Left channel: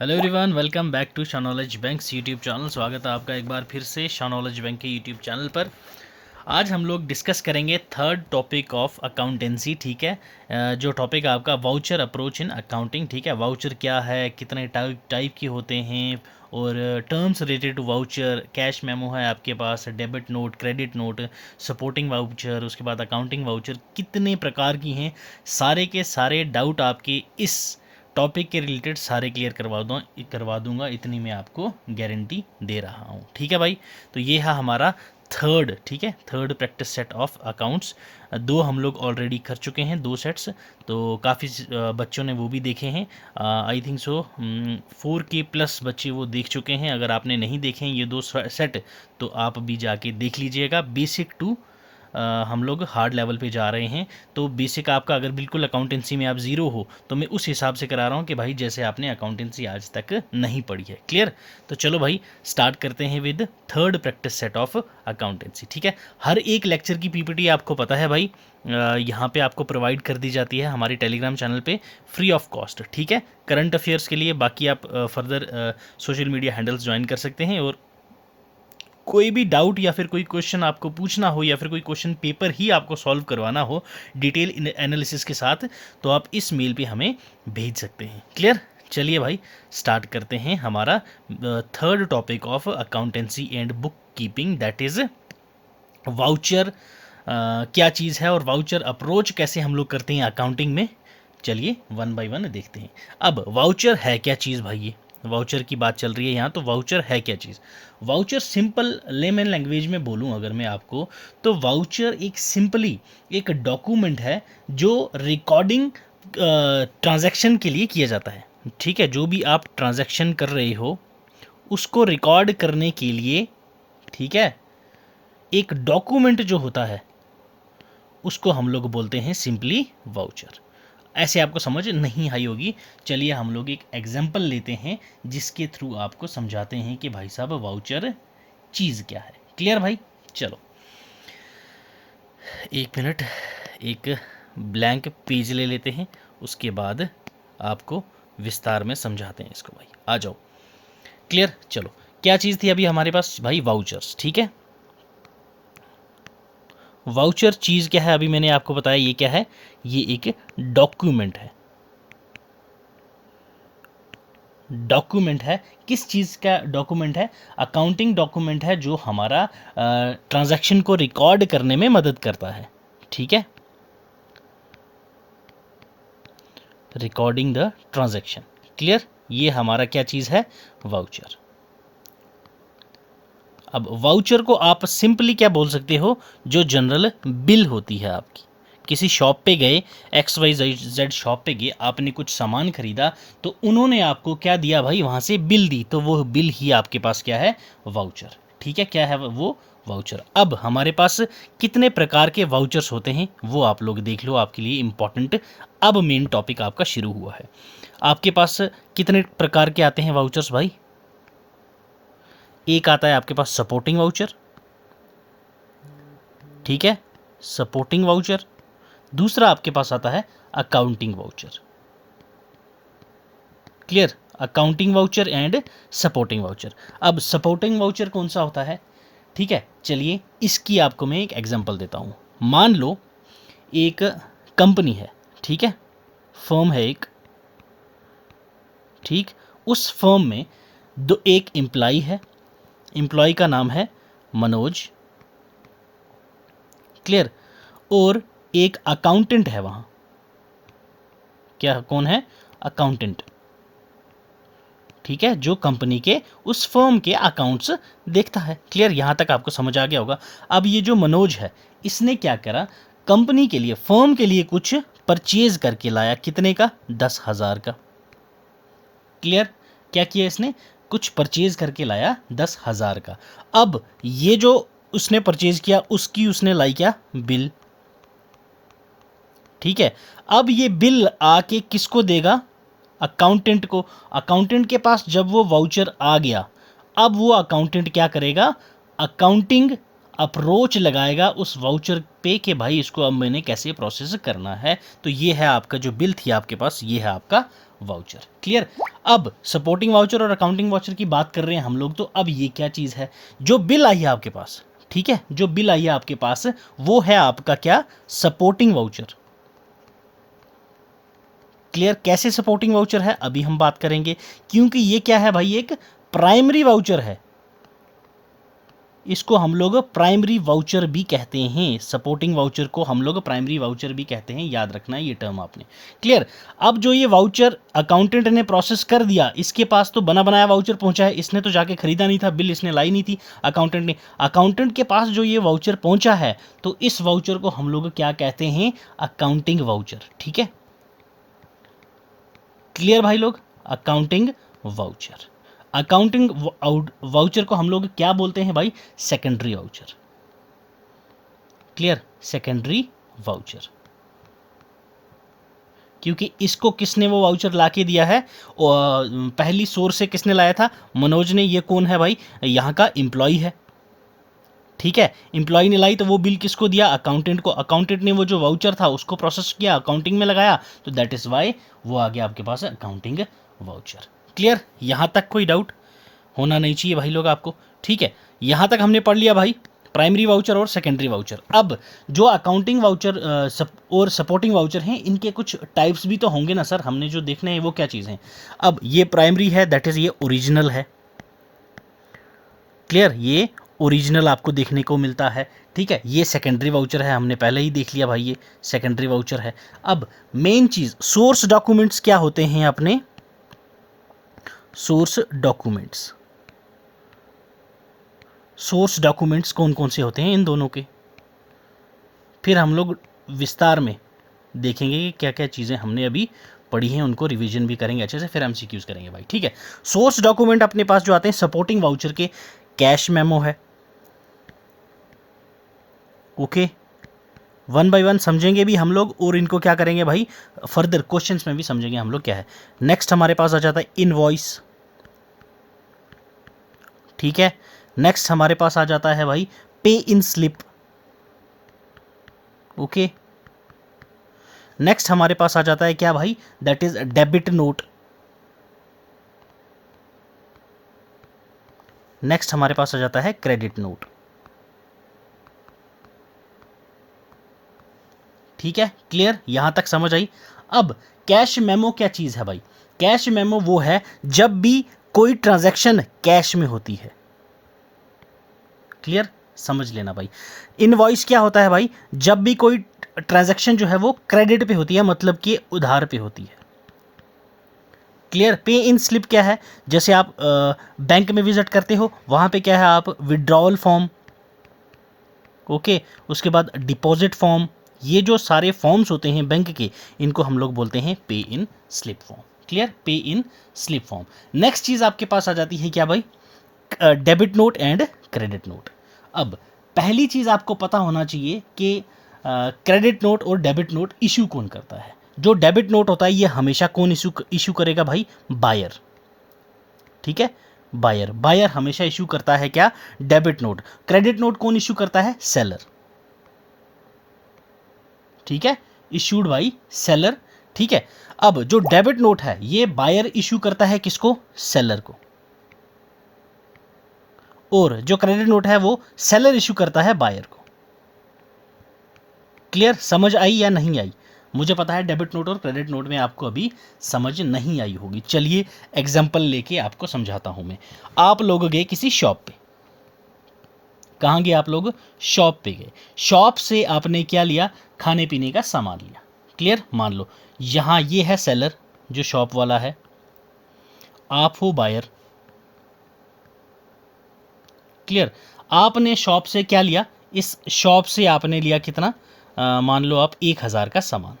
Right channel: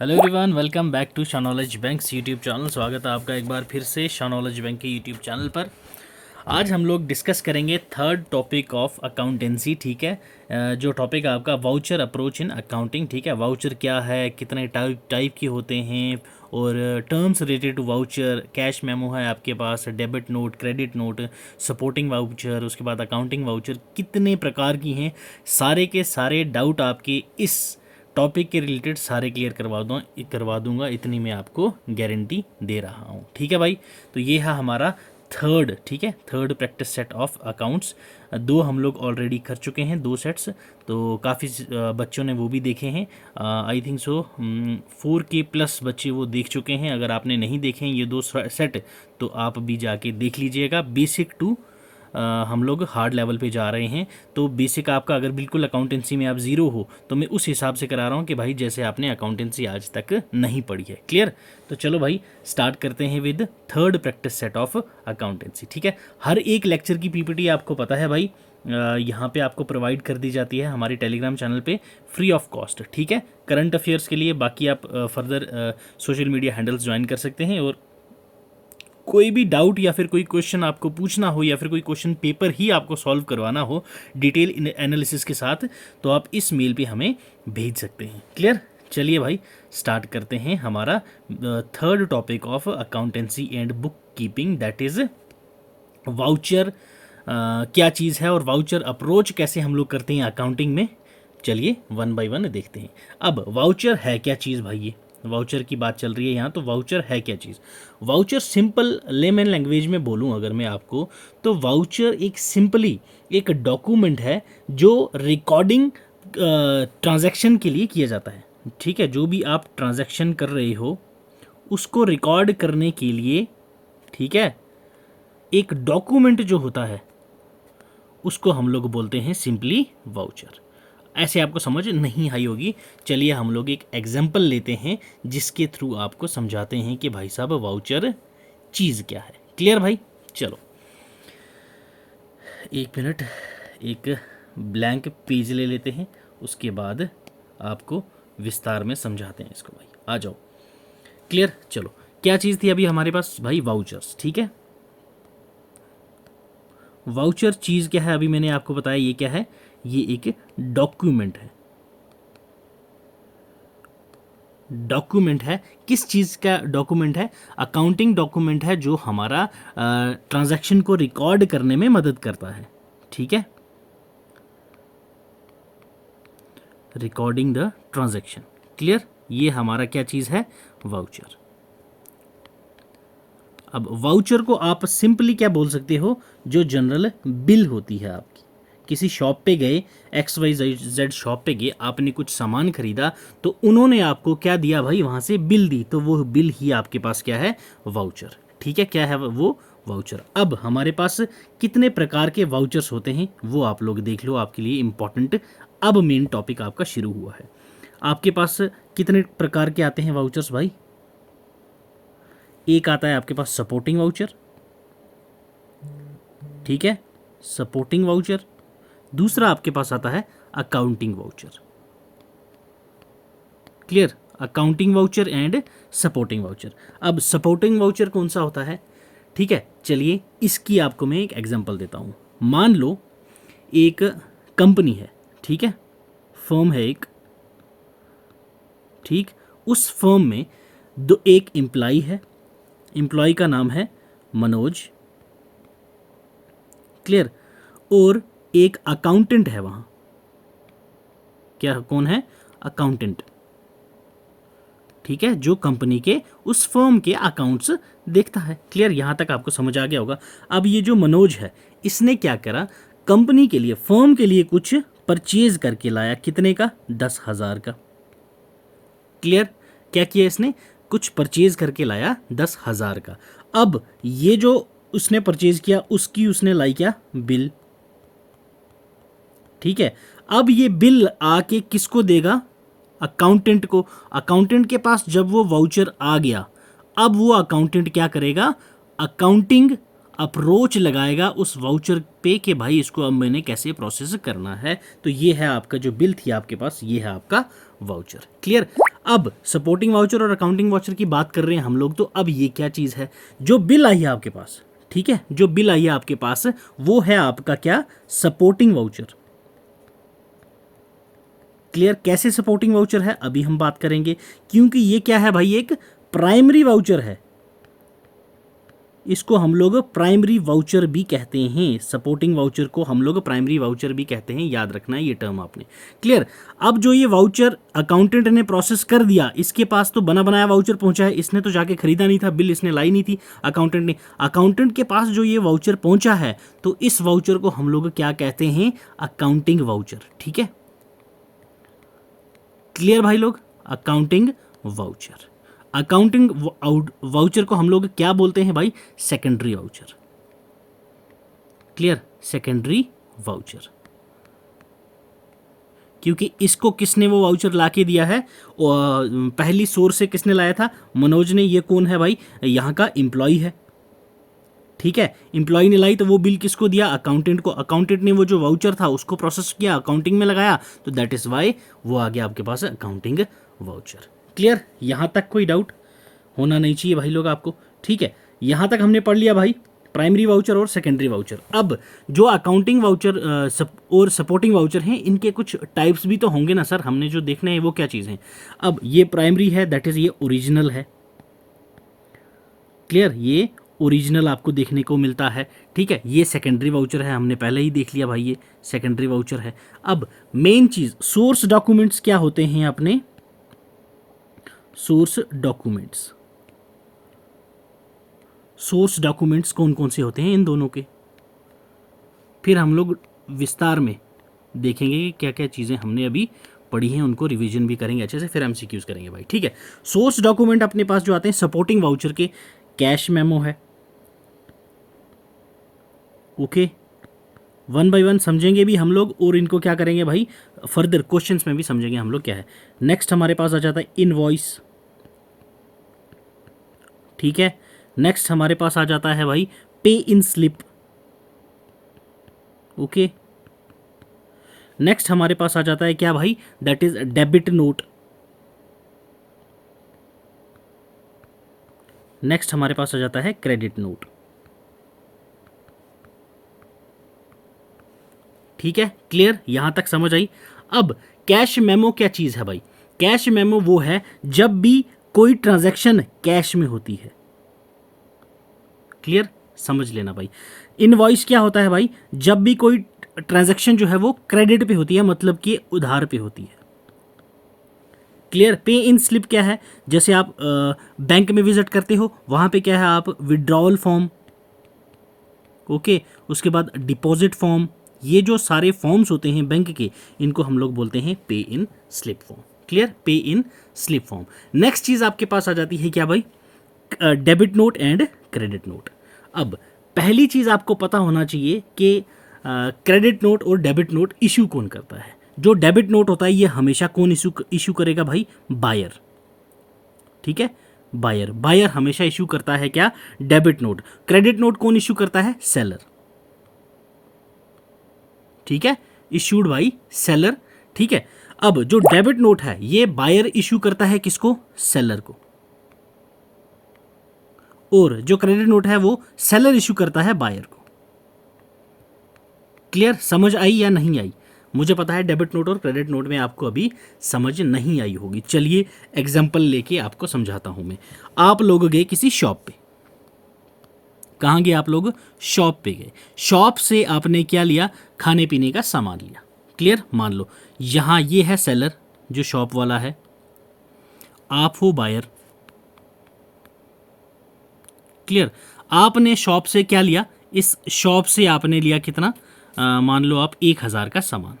Hello everyone, welcome back to Shanowledge bank YouTube channel. स्वागत है आपका एक बार फिर से शानॉलेज बैंक के यूट्यूब चैनल पर। आज हम लोग डिस्कस करेंगे थर्ड टॉपिक ऑफ अकाउंटेंसी। ठीक है, जो टॉपिक है आपका वाउचर अप्रोच इन अकाउंटिंग। ठीक है, वाउचर क्या है, कितने टाइप के होते हैं और terms related to voucher. Cash memo है आपके पास, debit note, credit note, supporting voucher, उसके बाद अकाउंटिंग वाउचर, कितने प्रकार की हैं। सारे के सारे डाउट आपके इस टॉपिक के रिलेटेड सारे क्लियर करवा दूंगा, इतनी मैं आपको गारंटी दे रहा हूँ। ठीक है भाई, तो ये है हमारा थर्ड। ठीक है, third practice set of accounts. दो हम लोग ऑलरेडी कर चुके हैं, दो सेट्स, तो काफ़ी बच्चों ने वो भी देखे हैं। I think so 4K plus बच्चे वो देख चुके हैं। अगर आपने नहीं देखे हैं ये दो सेट तो आप भी जाके देख लीजिएगा। बेसिक टू हम लोग हार्ड लेवल पे जा रहे हैं। तो बेसिक आपका अगर बिल्कुल अकाउंटेंसी में आप ज़ीरो हो तो मैं उस हिसाब से करा रहा हूँ कि भाई जैसे आपने अकाउंटेंसी आज तक नहीं पढ़ी है। क्लियर? तो चलो भाई स्टार्ट करते हैं with third practice set of accountancy. ठीक है, हर एक लेक्चर की पीपीटी आपको पता है भाई यहाँ पे आपको प्रोवाइड कर दी जाती है हमारे टेलीग्राम चैनल पे फ्री ऑफ कॉस्ट। ठीक है, करंट अफेयर्स के लिए बाकी आप further social media handles join कर सकते हैं। और कोई भी डाउट या फिर कोई क्वेश्चन आपको पूछना हो या फिर कोई क्वेश्चन पेपर ही आपको सॉल्व करवाना हो डिटेल एनालिसिस के साथ, तो आप इस मेल पे हमें भेज सकते हैं। क्लियर? चलिए भाई स्टार्ट करते हैं हमारा third topic of accountancy and book keeping, that is voucher. क्या चीज़ है और वाउचर अप्रोच कैसे हम लोग करते हैं अकाउंटिंग में। चलिए वन बाय वन देखते हैं। अब वाउचर है क्या चीज़ भाई? ये वाउचर की बात चल रही है यहाँ, तो वाउचर है क्या चीज़? वाउचर सिंपल लेमन लैंग्वेज में बोलूँ अगर मैं आपको, तो वाउचर एक सिंपली एक डॉक्यूमेंट है जो रिकॉर्डिंग ट्रांजैक्शन के लिए किया जाता है। ठीक है, जो भी आप ट्रांजैक्शन कर रहे हो उसको रिकॉर्ड करने के लिए, ठीक है, एक डॉक्यूमेंट जो होता है उसको हम लोग बोलते हैं सिंपली वाउचर। ऐसे आपको समझ नहीं आई होगी। चलिए हम लोग एक एग्जांपल लेते हैं जिसके थ्रू आपको समझाते हैं कि भाई साहब वाउचर चीज़ क्या है। क्लियर भाई? चलो एक मिनट, एक ब्लैंक पेज ले लेते हैं, उसके बाद आपको विस्तार में समझाते हैं इसको। भाई आ जाओ। क्लियर? चलो क्या चीज़ थी अभी हमारे पास भाई? वाउचर्स। ठीक है, वाउचर चीज़ क्या है अभी मैंने आपको बताया। ये क्या है? ये एक डॉक्यूमेंट है। डॉक्यूमेंट है, किस चीज़ का डॉक्यूमेंट है? अकाउंटिंग डॉक्यूमेंट है जो हमारा ट्रांजैक्शन को रिकॉर्ड करने में मदद करता है। ठीक है, रिकॉर्डिंग द ट्रांजैक्शन। क्लियर? ये हमारा क्या चीज़ है? वाउचर। अब वाउचर को आप सिंपली क्या बोल सकते हो? जो जनरल बिल होती है आपकी। किसी शॉप पे गए, XYZ शॉप पे गए, आपने कुछ सामान खरीदा तो उन्होंने आपको क्या दिया भाई? वहाँ से बिल दी, तो वो बिल ही आपके पास क्या है? वाउचर। ठीक है, क्या है वो? वाउचर। अब हमारे पास कितने प्रकार के वाउचर्स होते हैं वो आप लोग देख लो, आपके लिए इम्पॉर्टेंट। अब मेन टॉपिक आपका शुरू हुआ है। आपके पास कितने प्रकार के आते हैं वाउचर्स भाई? एक आता है आपके पास सपोर्टिंग वाउचर। ठीक है, सपोर्टिंग वाउचर। दूसरा आपके पास आता है accounting voucher. Clear? Accounting voucher and supporting voucher. अब सपोर्टिंग वाउचर कौन सा होता है? ठीक है, चलिए इसकी आपको मैं एक एग्जांपल देता हूँ। मान लो एक कंपनी है, ठीक है, फर्म है एक, ठीक, उस फर्म में एक एम्प्लॉय है। एम्प्लॉय का नाम है मनोज। क्लियर? और एक अकाउंटेंट है वहाँ। क्या, कौन है? अकाउंटेंट। ठीक है, जो कंपनी के उस फर्म के अकाउंट्स देखता है। क्लियर? यहाँ तक आपको समझ आ गया होगा। अब ये जो मनोज है इसने क्या करा? कंपनी के लिए, फर्म के लिए कुछ परचेज करके लाया। कितने का? 10,000 का। क्लियर? क्या किया इसने? कुछ परचेज करके लाया 10,000 का। अब ये जो उसने परचेज किया उसकी उसने लाई क्या? बिल। ठीक है, अब ये बिल आके किसको देगा? अकाउंटेंट को। अकाउंटेंट के पास जब वो वाउचर आ गया, अब वो अकाउंटेंट क्या करेगा? अकाउंटिंग अप्रोच लगाएगा उस वाउचर पे कि भाई इसको अब मैंने कैसे प्रोसेस करना है। तो ये है आपका जो बिल थी आपके पास, ये है आपका वाउचर। क्लियर। अब सपोर्टिंग वाउचर और अकाउंटिंग वाउचर की बात कर रहे हैं हम लोग, तो अब ये क्या चीज़ है, जो बिल आई है आपके पास, ठीक है, जो बिल आई है आपके पास वो है आपका क्या, सपोर्टिंग वाउचर। क्लियर। कैसे सपोर्टिंग वाउचर है अभी हम बात करेंगे, क्योंकि ये क्या है भाई, एक प्राइमरी वाउचर है, इसको हम लोग प्राइमरी वाउचर भी कहते हैं, सपोर्टिंग वाउचर को हम लोग प्राइमरी वाउचर भी कहते हैं, याद रखना है ये टर्म आपने। क्लियर। अब जो ये वाउचर अकाउंटेंट ने प्रोसेस कर दिया, इसके पास तो बना बनाया वाउचर पहुंचा है, इसने तो जाके खरीदा नहीं था, बिल इसने लाई नहीं थी अकाउंटेंट ने, अकाउंटेंट के पास जो ये वाउचर पहुंचा है, तो इस वाउचर को हम लोग क्या कहते हैं, अकाउंटिंग वाउचर। ठीक है, क्लियर भाई लोग, अकाउंटिंग वाउचर। अकाउंटिंग वाउचर को हम लोग क्या बोलते हैं भाई, secondary voucher. Clear, secondary voucher, क्योंकि इसको किसने वो वाउचर ला के दिया है, और पहली सोर्स से किसने लाया था, मनोज ने। ये कौन है भाई, यहाँ का एम्प्लॉय है। ठीक है, एम्प्लॉय ने लाई तो वो बिल किसको दिया, अकाउंटेंट को। अकाउंटेंट ने वो जो वाउचर था उसको प्रोसेस किया, अकाउंटिंग में लगाया, तो दैट इज वाई वो आ गया आपके पास अकाउंटिंग वाउचर। क्लियर, यहाँ तक कोई डाउट होना नहीं चाहिए भाई लोग आपको। ठीक है, यहाँ तक हमने पढ़ लिया भाई प्राइमरी वाउचर और सेकेंडरी वाउचर। अब जो अकाउंटिंग वाउचर और सपोर्टिंग वाउचर हैं, इनके कुछ टाइप्स भी तो होंगे ना सर, हमने जो देखने हैं वो क्या चीज़ हैं। अब ये प्राइमरी है, दैट इज़ ये ओरिजिनल है। क्लियर, ये ओरिजिनल आपको देखने को मिलता है। ठीक है, ये सेकेंडरी वाउचर है, हमने पहले ही देख लिया भाई, ये सेकेंडरी वाउचर है। अब मेन चीज़, सोर्स डॉक्यूमेंट्स क्या होते हैं अपने, सोर्स डॉक्यूमेंट्स। सोर्स डॉक्यूमेंट्स कौन कौन से होते हैं इन दोनों के, फिर हम लोग विस्तार में देखेंगे कि क्या क्या चीज़ें हमने अभी पढ़ी हैं, उनको रिवीजन भी करेंगे अच्छे से, फिर एमसीक्यूज करेंगे भाई। ठीक है, सोर्स डॉक्यूमेंट अपने पास जो आते हैं सपोर्टिंग वाउचर के, कैश मेमो है। ओके, वन बाय वन समझेंगे भी हम लोग, और इनको क्या करेंगे भाई, फर्दर क्वेश्चंस में भी समझेंगे हम लोग क्या है। नेक्स्ट हमारे पास आ जाता है इनवॉइस। ठीक है, नेक्स्ट हमारे पास आ जाता है भाई पे इन स्लिप। ओके, नेक्स्ट हमारे पास आ जाता है क्या भाई, that is debit note. Next हमारे पास आ जाता है क्रेडिट नोट। ठीक है, क्लियर, यहां तक समझ आई। अब कैश मेमो क्या चीज है भाई, कैश मेमो वो है जब भी कोई ट्रांजैक्शन कैश में होती है। क्लियर, समझ लेना भाई। इनवॉइस क्या होता है भाई, जब भी कोई ट्रांजैक्शन जो है वो क्रेडिट पे होती है, मतलब कि उधार पे होती है। क्लियर, पे इन स्लिप क्या है, जैसे आप बैंक में विजिट करते हो, वहां पे क्या है, आप विड्रॉवल फॉर्म, ओके, उसके बाद डिपॉजिट फॉर्म, ये जो सारे फॉर्म्स होते हैं बैंक के, इनको हम लोग बोलते हैं पे इन स्लिप फॉर्म। क्लियर, पे इन स्लिप फॉर्म। नेक्स्ट चीज आपके पास आ जाती है क्या भाई, debit note and credit note. अब पहली चीज आपको पता होना चाहिए कि क्रेडिट नोट और डेबिट नोट इशू कौन करता है। जो डेबिट नोट होता है ये हमेशा कौन इशू करेगा भाई, बायर। ठीक है, बायर, बायर हमेशा इशू करता है क्या, डेबिट नोट। क्रेडिट नोट कौन इशू करता है, सेलर। ठीक है, इशूड बाई सेलर। ठीक है, अब जो डेबिट नोट है ये बायर इशू करता है किसको, सेलर को, और जो क्रेडिट नोट है वो सेलर इशू करता है बायर को। क्लियर, समझ आई या नहीं आई, मुझे पता है डेबिट नोट और क्रेडिट नोट में आपको अभी समझ नहीं आई होगी। चलिए एग्जांपल लेके आपको समझाता हूं मैं। आप लोग गए किसी शॉप पे, कहाँ गए आप लोग, शॉप पे गए, शॉप से आपने क्या लिया, खाने पीने का सामान लिया। क्लियर, मान लो यहाँ ये है सेलर जो शॉप वाला है, आप हो बायर। क्लियर, आपने शॉप से क्या लिया, इस शॉप से आपने लिया कितना, मान लो आप 1000 का सामान।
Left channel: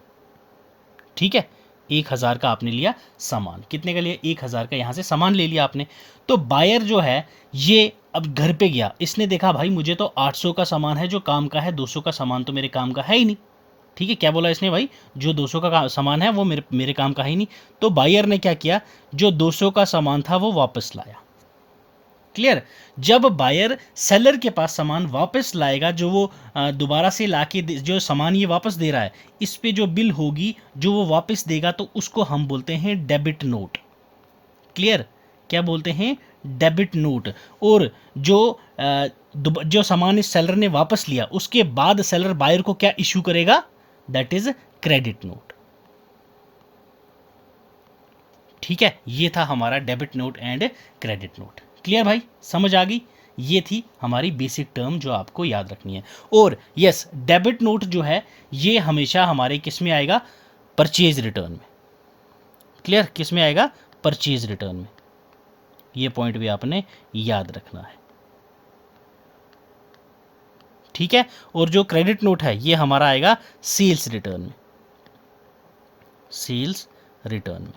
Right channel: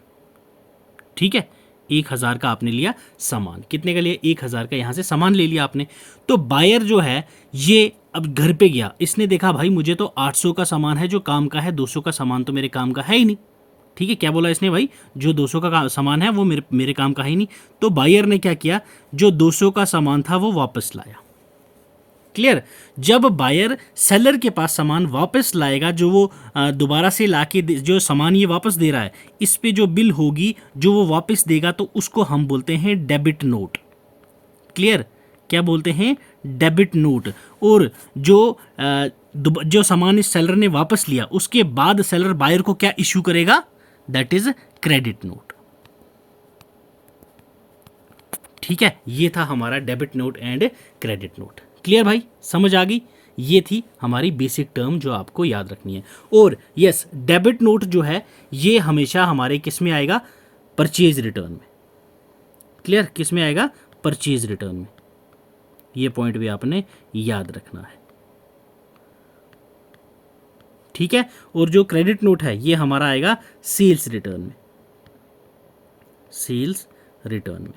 ठीक है, 1000 का आपने लिया सामान, कितने का लिया, 1000 का यहाँ से सामान ले लिया आपने। तो बायर जो है ये अब घर पे गया, इसने देखा भाई मुझे तो 800 का सामान है जो काम का है, 200 का सामान तो मेरे काम का है ही नहीं। ठीक है, क्या बोला इसने भाई, जो 200 का सामान है वो मेरे काम का है ही नहीं। तो बायर ने क्या किया, जो 200 का सामान था वो वापस लाया। क्लियर। जब बायर सेलर के पास सामान वापस लाएगा, जो वो दोबारा से लाके जो सामान ये वापस दे रहा है, इस पे जो बिल होगी जो वो वापस देगा, तो उसको हम बोलते हैं डेबिट नोट। क्लियर, क्या बोलते हैं? Debit note. और जो सामान इस सेलर ने वापस लिया उसके बाद सेलर बायर को क्या इश्यू करेगा? That is credit note. ठीक है, ये था हमारा debit note and credit note. Clear भाई, समझ आ गई? ये थी हमारी बेसिक टर्म जो आपको याद रखनी है। और यस, डेबिट नोट जो है ये हमेशा हमारे किस में आएगा? परचेज रिटर्न में। क्लियर, किस में आएगा? परचेज रिटर्न में। ये पॉइंट भी आपने याद रखना है। ठीक है, और जो क्रेडिट नोट है ये हमारा आएगा सेल्स रिटर्न में। सेल्स रिटर्न में।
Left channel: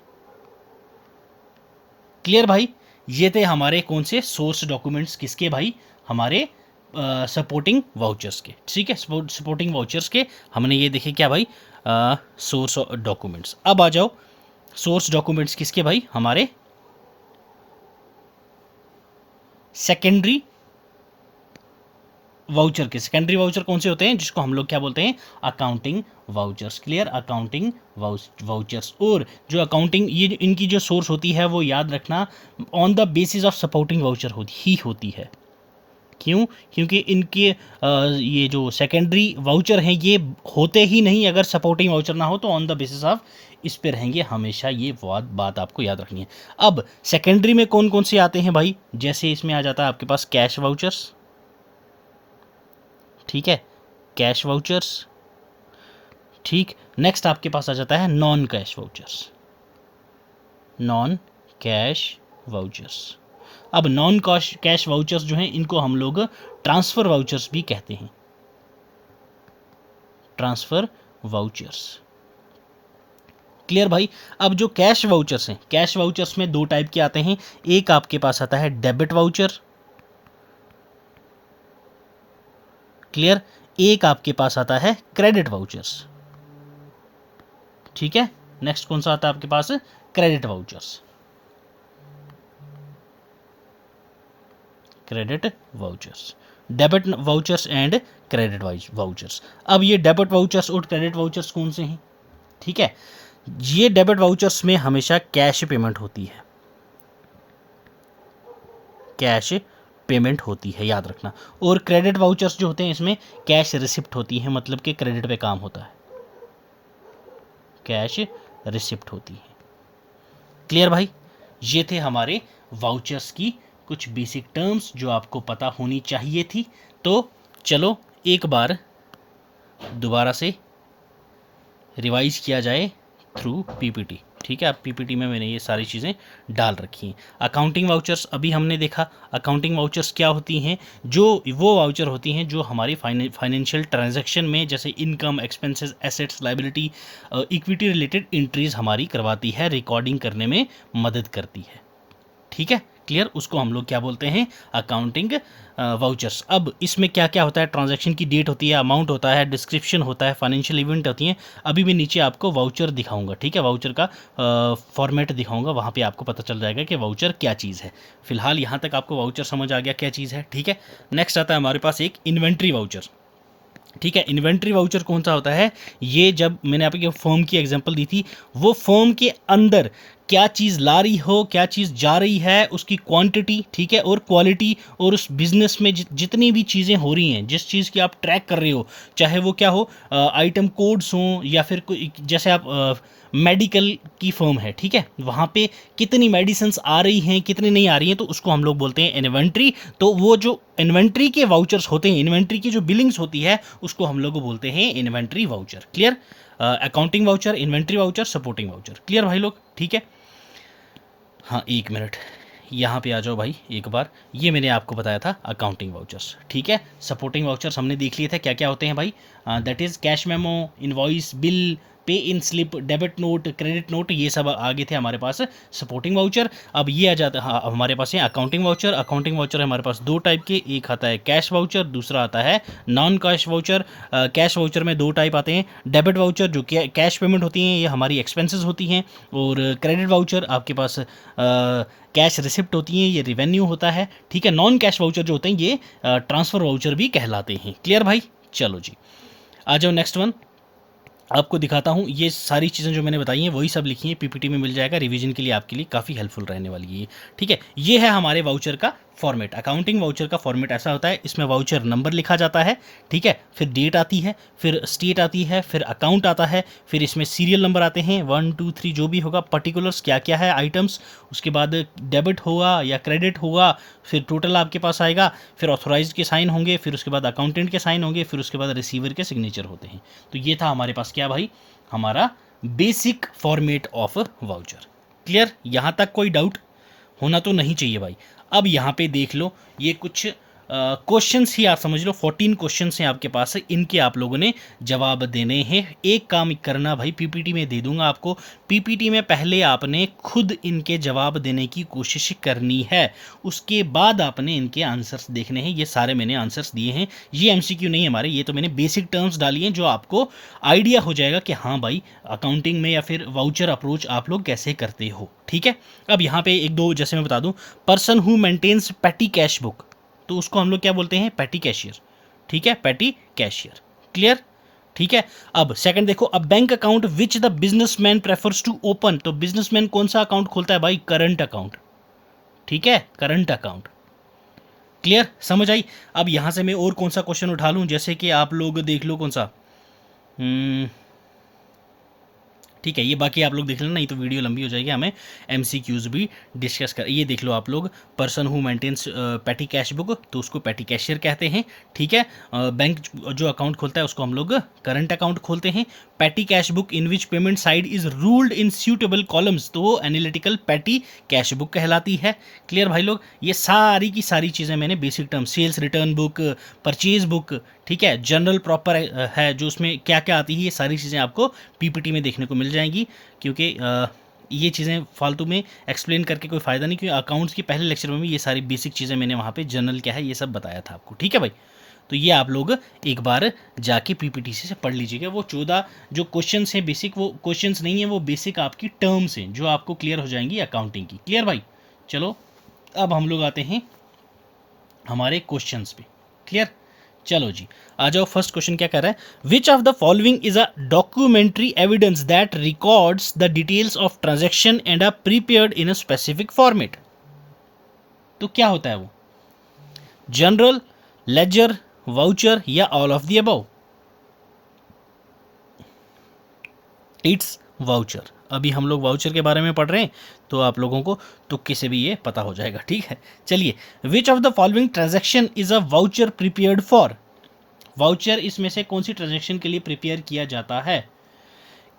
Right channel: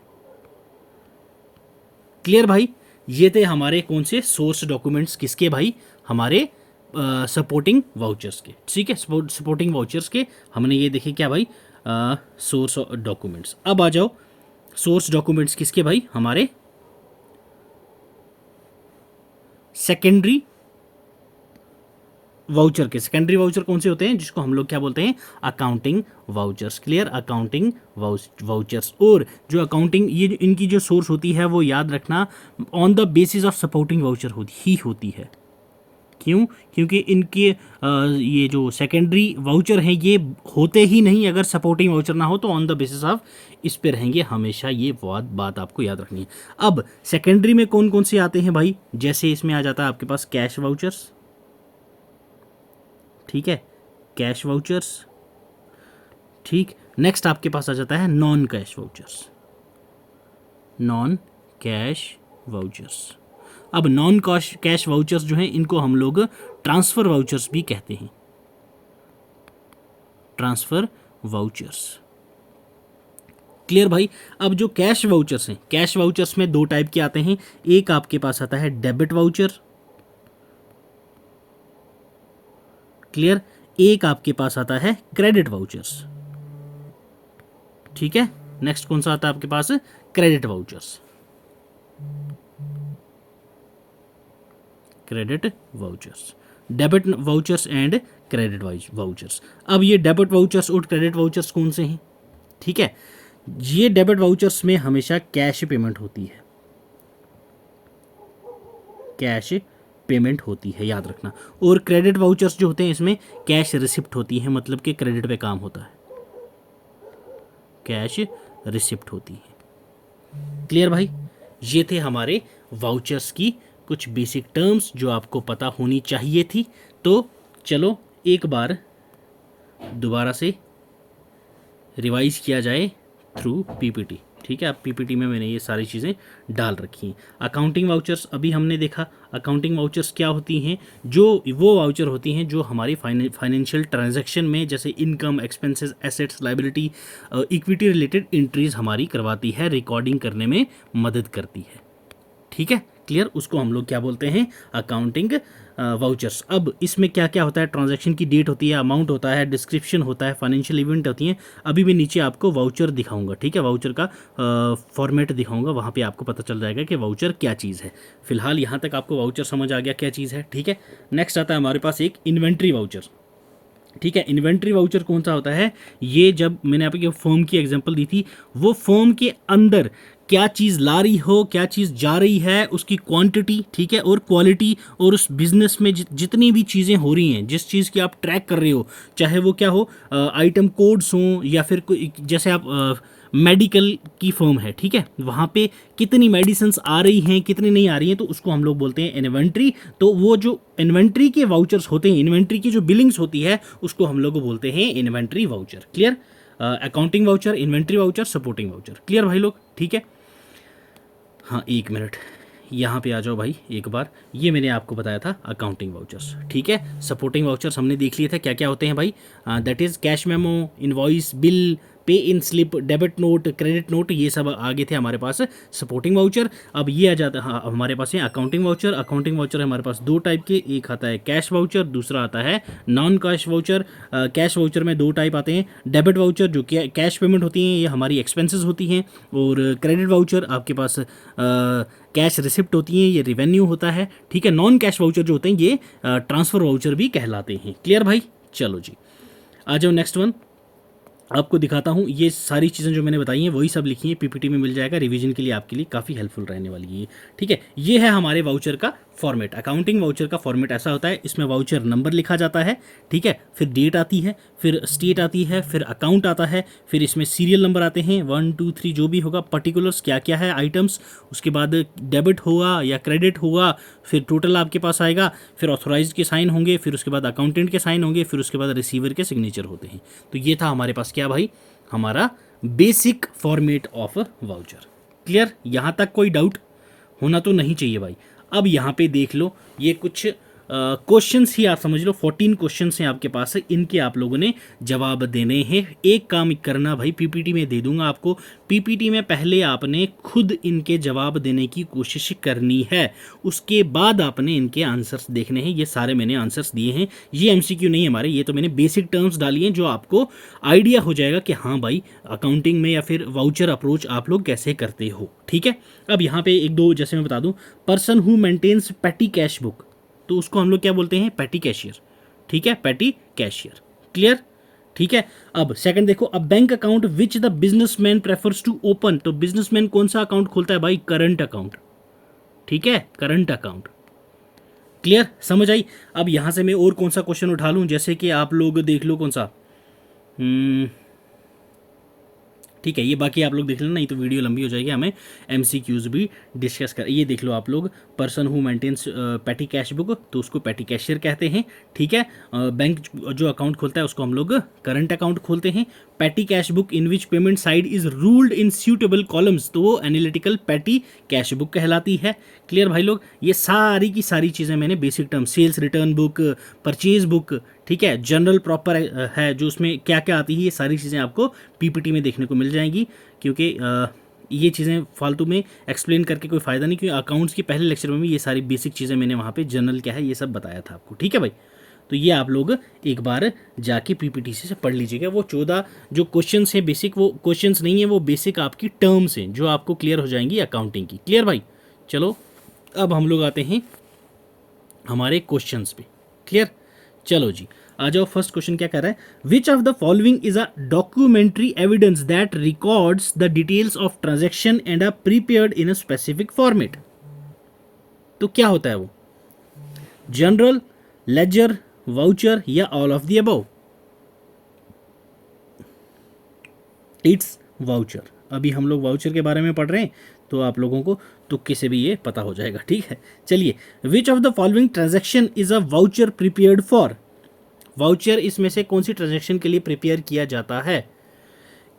क्लियर भाई, ये थे हमारे कौन से सोर्स डॉक्यूमेंट्स, किसके भाई? हमारे सपोर्टिंग वाउचर्स के। ठीक है, सपोर्टिंग वाउचर्स के हमने ये देखे क्या भाई? Source documents. अब आ जाओ सोर्स डॉक्यूमेंट्स किसके भाई? हमारे सेकेंडरी वाउचर के। सेकेंडरी वाउचर कौन से होते हैं? जिसको हम लोग क्या बोलते हैं? Accounting vouchers. Clear, accounting vouchers. और जो अकाउंटिंग, ये इनकी जो सोर्स होती है वो याद रखना on the basis of supporting voucher होती है। क्यों? क्योंकि इनके ये जो सेकेंडरी वाउचर हैं ये होते ही नहीं अगर सपोर्टिंग वाउचर ना हो, तो ऑन द बेसिस ऑफ इस पे रहेंगे हमेशा। ये बात आपको याद रखनी है। अब सेकेंडरी में कौन कौन से आते हैं भाई? जैसे इसमें आ जाता है आपके पास कैश वाउचर्स। ठीक है, कैश वाउचर्स। ठीक, नेक्स्ट आपके पास आ जाता है non cash vouchers. Non cash vouchers. अब नॉन कैश वाउचर्स जो हैं इनको हम लोग ट्रांसफ़र वाउचर्स भी कहते हैं। Transfer vouchers. क्लियर भाई। अब जो कैश वाउचर्स हैं, कैश वाउचर्स में दो टाइप के आते हैं। एक आपके पास आता है डेबिट वाउचर। क्लियर, एक आपके पास आता है क्रेडिट वाउचर्स। ठीक है, नेक्स्ट कौन सा आता है आपके पास? Credit vouchers. Credit vouchers, debit vouchers and credit vouchers. अब ये डेबिट वाउचर्स और क्रेडिट वाउचर्स कौन से हैं? ठीक है, ये डेबिट वाउचर्स में हमेशा कैश पेमेंट होती है। कैश पेमेंट होती है, याद रखना। और क्रेडिट वाउचर्स जो होते हैं इसमें कैश रिसिप्ट होती है, मतलब कि क्रेडिट पे काम होता है, कैश रिसिप्ट होती है। क्लियर भाई, ये थे हमारे वाउचर्स की कुछ बेसिक टर्म्स जो आपको पता होनी चाहिए थी। तो चलो एक बार दोबारा से रिवाइज किया जाए थ्रू पीपीटी। ठीक है, अब पीपीटी में मैंने ये सारी चीज़ें डाल रखी हैं। अकाउंटिंग वाउचर्स अभी हमने देखा। अकाउंटिंग वाउचर्स क्या होती हैं? जो वो वाउचर होती हैं जो हमारी फाइनेंशियल ट्रांजैक्शन में, जैसे income, expenses, assets, liability, equity related entries हमारी करवाती है, रिकॉर्डिंग करने में मदद करती है। ठीक है, क्लियर, उसको हम लोग क्या बोलते हैं? Accounting vouchers. अब इसमें क्या क्या होता है? ट्रांजैक्शन की डेट होती है, अमाउंट होता है, डिस्क्रिप्शन होता है, फाइनेंशियल इवेंट होती हैं। अभी मैं नीचे आपको वाउचर दिखाऊंगा। ठीक है, वाउचर का फॉर्मेट दिखाऊंगा, वहाँ पे आपको पता चल जाएगा कि वाउचर क्या चीज़ है। फिलहाल यहाँ तक आपको वाउचर समझ आ गया क्या चीज़ है। ठीक है, नेक्स्ट आता है हमारे पास एक इन्वेंट्री वाउचर। ठीक है, इन्वेंट्री वाउचर कौन सा होता है? ये जब मैंने आपको फर्म की एग्जांपल दी थी, वो फर्म के अंदर क्या चीज़ ला रही हो, क्या चीज़ जा रही है, उसकी क्वांटिटी, ठीक है, और क्वालिटी, और उस बिज़नेस में जितनी भी चीज़ें हो रही हैं, जिस चीज़ की आप ट्रैक कर रहे हो, चाहे वो क्या हो, आइटम कोड्स हों, या फिर कोई, जैसे आप मेडिकल की फर्म है, ठीक है, वहाँ पे कितनी मेडिसिन्स आ रही हैं, कितनी नहीं आ रही हैं, तो उसको हम लोग बोलते हैं इन्वेंट्री। तो वो जो इन्वेंट्री के वाउचर्स होते हैं, इन्वेंट्री की जो बिलिंग्स होती है, उसको हम लोग बोलते हैं inventory voucher. Clear, accounting voucher, inventory voucher, supporting voucher. Clear भाई लोग, ठीक है। हाँ, एक मिनट, यहाँ पे आ जाओ भाई एक बार। ये मैंने आपको बताया था अकाउंटिंग वाउचर्स। ठीक है, सपोर्टिंग वाउचर्स हमने देख लिए थे क्या क्या होते हैं भाई। That is cash memo, invoice, bill, pay in slip, debit note, credit note, ये सब आगे थे हमारे पास सपोर्टिंग वाउचर। अब ये आ जाता, हाँ, हमारे पास है अकाउंटिंग वाउचर। अकाउंटिंग वाउचर हमारे पास दो टाइप के, एक आता है कैश वाउचर, दूसरा आता है non cash voucher. Cash voucher में दो टाइप आते हैं, डेबिट वाउचर जो कैश पेमेंट होती हैं, ये हमारी एक्सपेंसेस होती हैं, और क्रेडिट वाउचर आपके पास कैश रिसिप्ट होती हैं ये रेवेन्यू होता है, ठीक है। नॉन कैश वाउचर जो होते हैं ये ट्रांसफ़र वाउचर भी कहलाते हैं। क्लियर भाई? चलो जी, आ जाओ नेक्स्ट वन, आपको दिखाता हूँ। ये सारी चीज़ें जो मैंने बताई हैं वही सब लिखी हैं, पीपीटी में मिल जाएगा, रिवीजन के लिए आपके लिए काफ़ी हेल्पफुल रहने वाली है, ठीक है। ये है हमारे वाउचर का फॉर्मेट। अकाउंटिंग वाउचर का फॉर्मेट ऐसा होता है, इसमें वाउचर नंबर लिखा जाता है, ठीक है, फिर डेट आती है, फिर स्टेट आती है, फिर अकाउंट आता है, फिर इसमें सीरियल नंबर आते हैं 1 2 3 जो भी होगा, पर्टिकुलर्स क्या क्या है आइटम्स, उसके बाद डेबिट होगा या क्रेडिट होगा, फिर टोटल आपके पास आएगा, फिर ऑथोराइज्ड के साइन होंगे, फिर उसके बाद अकाउंटेंट के साइन होंगे, फिर उसके बाद रिसीवर के सिग्नेचर होते हैं। तो ये था हमारे पास क्या भाई, हमारा basic format of voucher. Clear? यहाँ तक कोई डाउट होना तो नहीं चाहिए भाई। अब यहाँ पे देख लो, ये कुछ क्वेश्चंस ही आप समझ लो, 14 क्वेश्चंस हैं आपके पास, इनके आप लोगों ने जवाब देने हैं। एक काम करना भाई, पीपीटी में दे दूंगा आपको, पीपीटी में पहले आपने खुद इनके जवाब देने की कोशिश करनी है, उसके बाद आपने इनके आंसर्स देखने हैं। ये सारे मैंने आंसर्स दिए हैं, ये एमसीक्यू नहीं हमारे, ये तो मैंने बेसिक टर्म्स डाली हैं जो आपको आइडिया हो जाएगा कि हाँ भाई अकाउंटिंग में या फिर वाउचर अप्रोच आप लोग कैसे करते हो, ठीक है। अब यहाँ पे एक दो जैसे मैं बता दूँ, person who maintains petty cash book, तो उसको हम लोग क्या बोलते हैं, पेटी कैशियर, ठीक है, पेटी कैशियर। क्लियर? ठीक है। अब सेकंड देखो, a bank account which the businessman prefers to open, तो बिजनेसमैन कौन सा अकाउंट खोलता है भाई, करंट अकाउंट, ठीक है, करंट अकाउंट। क्लियर? समझ आई? अब यहां से मैं और कौन सा क्वेश्चन उठा लूं, जैसे कि आप लोग देख लो कौन सा, ठीक है, ये बाकी आप लोग देख लेना, नहीं तो वीडियो लंबी हो जाएगी, हमें एमसीक्यूज भी डिस्कस कर। ये देख लो आप लोग, person who maintains petty cash book, तो उसको पेटी कैशियर कहते हैं, ठीक है। बैंक जो अकाउंट खोलता है उसको हम लोग करंट अकाउंट खोलते हैं। पेटी cash book in which payment side is ruled in suitable columns, तो वो एनालिटिकल पेटी कैश बुक कहलाती है। क्लियर भाई लोग? ये सारी की सारी चीज़ें मैंने basic term, sales return book, purchase book, ठीक है, जनरल प्रॉपर है जो उसमें क्या क्या आती है, ये सारी चीज़ें आपको पीपीटी में देखने को मिल जाएंगी, क्योंकि ये चीज़ें फालतू में एक्सप्लेन करके कोई फ़ायदा नहीं, क्योंकि अकाउंट्स के पहले लेक्चर में भी ये सारी बेसिक चीज़ें मैंने वहाँ पे जनरल क्या है ये सब बताया था आपको, ठीक है भाई। तो ये आप लोग एक बार जाके पीपीटी से पढ़ लीजिएगा। वो 14 जो क्वेश्चंस हैं बेसिक, वो क्वेश्चंस नहीं है, वो बेसिक आपकी टर्म्स हैं जो आपको क्लियर हो जाएंगी अकाउंटिंग की। क्लियर भाई? चलो अब हम लोग आते हैं हमारे क्वेश्चंस पे। क्लियर? चलो जी, आ जाओ। फर्स्ट क्वेश्चन क्या कर रहा है, which of the following is a documentary evidence that records the details of transaction and are prepared in a specific format. तो क्या होता है वो, जनरल, लेजर, वाउचर या all of the above? It's voucher. अभी हम लोग वाउचर के बारे में पढ़ रहे हैं, तो आप लोगों को तुक्के से भी ये पता हो जाएगा, ठीक है। चलिए, विच of the following transaction is a voucher prepared for, voucher इसमें से कौन सी ट्रांजैक्शन के लिए प्रिपेयर किया जाता है,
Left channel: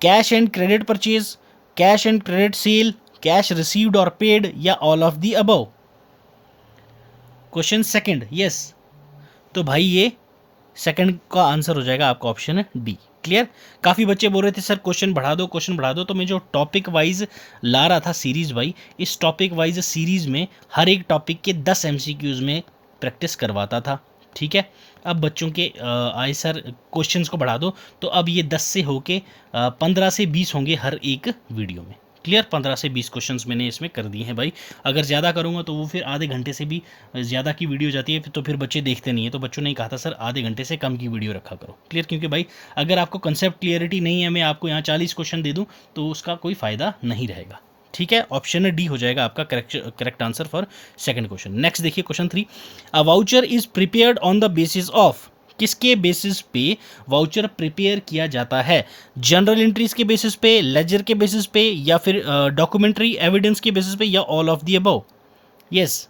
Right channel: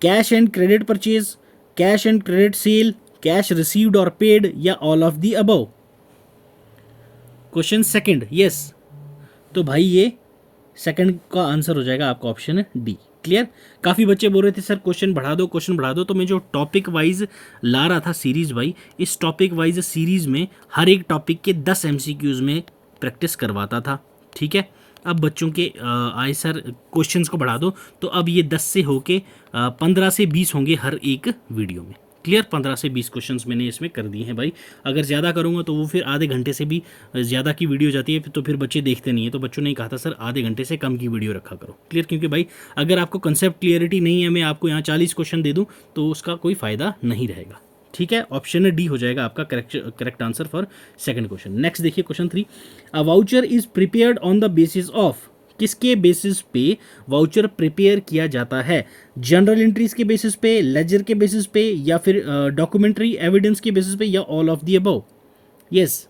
cash and credit purchase, cash and credit sale, cash received और पेड या all of the above? Question second, yes, तो भाई ये सेकंड का आंसर हो जाएगा आपका ऑप्शन डी। क्लियर? काफ़ी बच्चे बोल रहे थे सर क्वेश्चन बढ़ा दो, क्वेश्चन बढ़ा दो, तो मैं जो टॉपिक वाइज ला रहा था सीरीज़ भाई, इस टॉपिक वाइज सीरीज़ में हर एक टॉपिक के 10 एमसीक्यूज़ में प्रैक्टिस करवाता था, ठीक है। अब बच्चों के आए सर क्वेश्चंस को बढ़ा दो, तो अब ये 10 से होके 15 से 20 होंगे हर एक वीडियो में। क्लियर? 15 से 20 क्वेश्चंस मैंने इसमें कर दिए हैं भाई। अगर ज़्यादा करूँगा तो वो फिर आधे घंटे से भी ज़्यादा की वीडियो जाती है, तो फिर बच्चे देखते नहीं है, तो बच्चों ने कहा था सर आधे घंटे से कम की वीडियो रखा करो। क्लियर? क्योंकि भाई अगर आपको कंसेप्ट क्लियरिटी नहीं है, मैं आपको यहाँ 40 क्वेश्चन दे दूँ तो उसका कोई फ़ायदा नहीं रहेगा, ठीक है। ऑप्शन डी हो जाएगा आपका correct answer for second question. Next देखिए question 3, a voucher is prepared on the basis of, किसके बेसिस पे वाउचर प्रिपेयर किया जाता है, जनरल एंट्रीज के बेसिस पे, लेजर के बेसिस पे, या फिर डॉक्यूमेंट्री एविडेंस के बेसिस पे, या all of the above? Yes,